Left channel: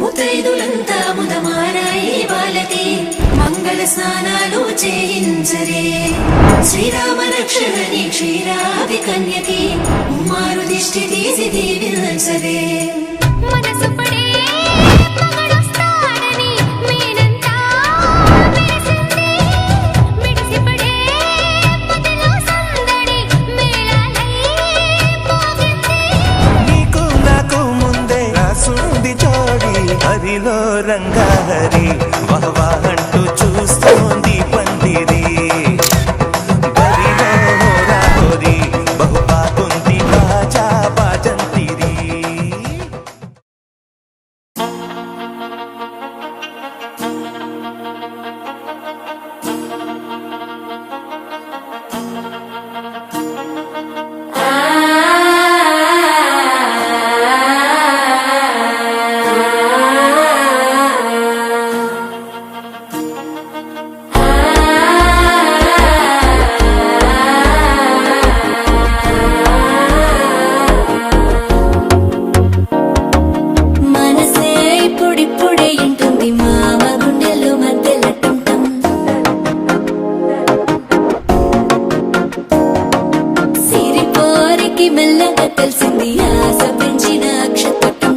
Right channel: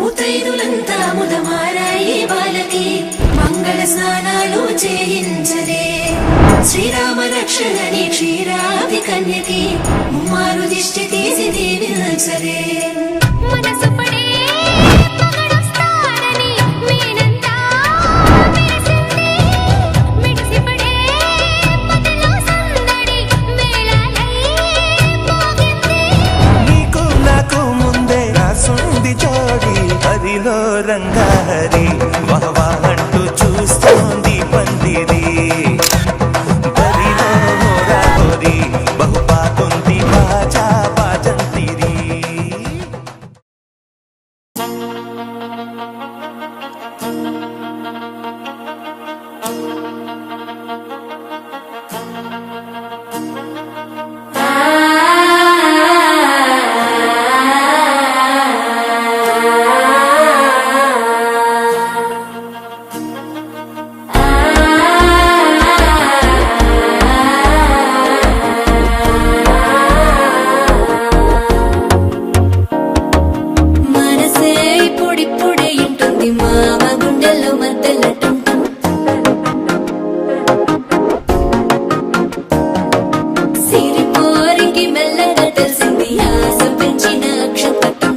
ముతైదులంతా ముదమారాయి వాళ్ళకి మంగళ స్నానాలు చేయించరే. శ్రీరామ రక్షణని క్షీరావి కన్యకి మారు దిష్టి తీసి దీవించరే. మనసు పడే మగడొస్తాడని మేనంతా మెరిసింది. మిడిసిపడే మదిలో సందడి మేళాలై మోగింది. నీకు నాకు ముందే రాసుంది జోడి, హరిలో రంగాహరి వహవా అంటూ చూస్తోంది పందిరి. బరిలో హోరాహోరి బహుబాగుంది బాజా బాజంతిరి. మనసే పొడి ఇంటుంది మామ గుండెలు మధ్యల టంటం. సిరిపోరికి మెల్లగా తెలిసింది ఆశ పెంచిన అక్షతటం.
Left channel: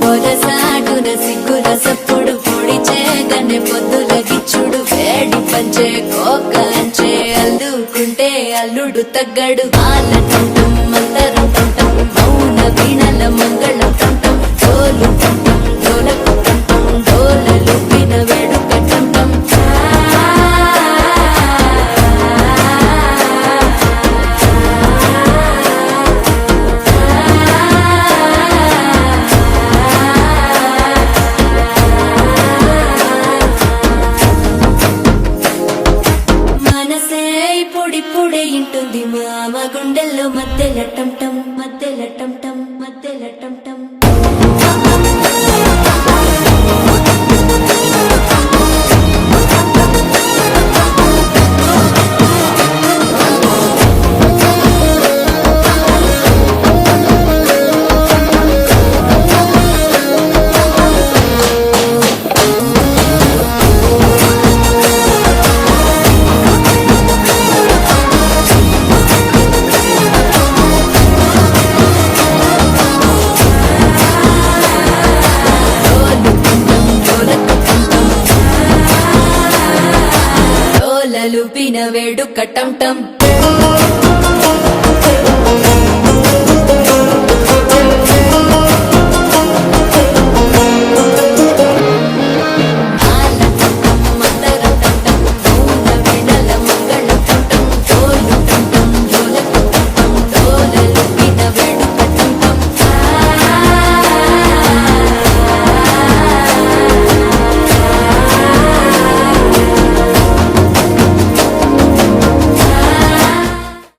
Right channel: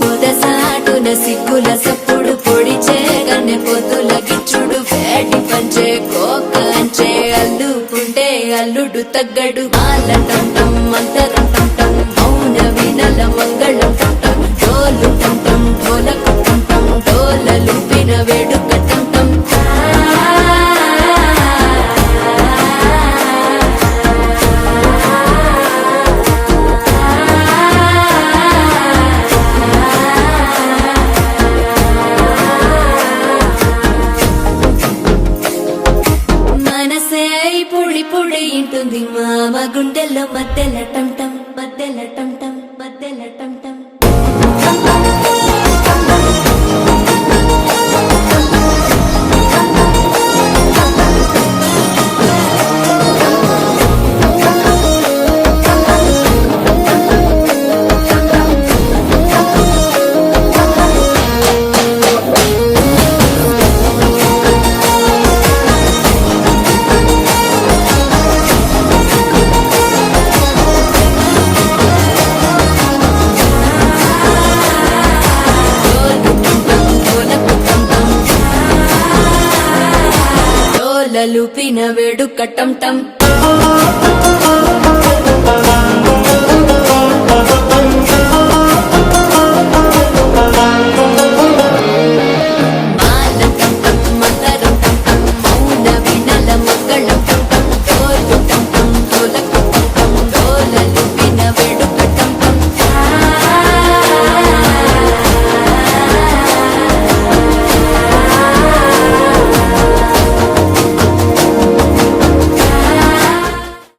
పొరసాటున సిగ్గుల సప్పుడు పొడి చేయగానే పొద్దుల గిచ్చుడు వేడి పంచే కోకలంచే అల్లుకుంటే అల్లుడు తగ్గడు. పాల టంటం మంతరం టంటం మౌన వీణల మంగళం టంటం డోలు టంటం డోలకు టంటం డోలలు విన వేడుక టంటం. మనసే పొడి ఇంటుంది మామ గుండెల్లో మధ్యల టంటం మధ్యల టంటం మధ్యల టంటం. డోలలు విన వేడుక టంటం.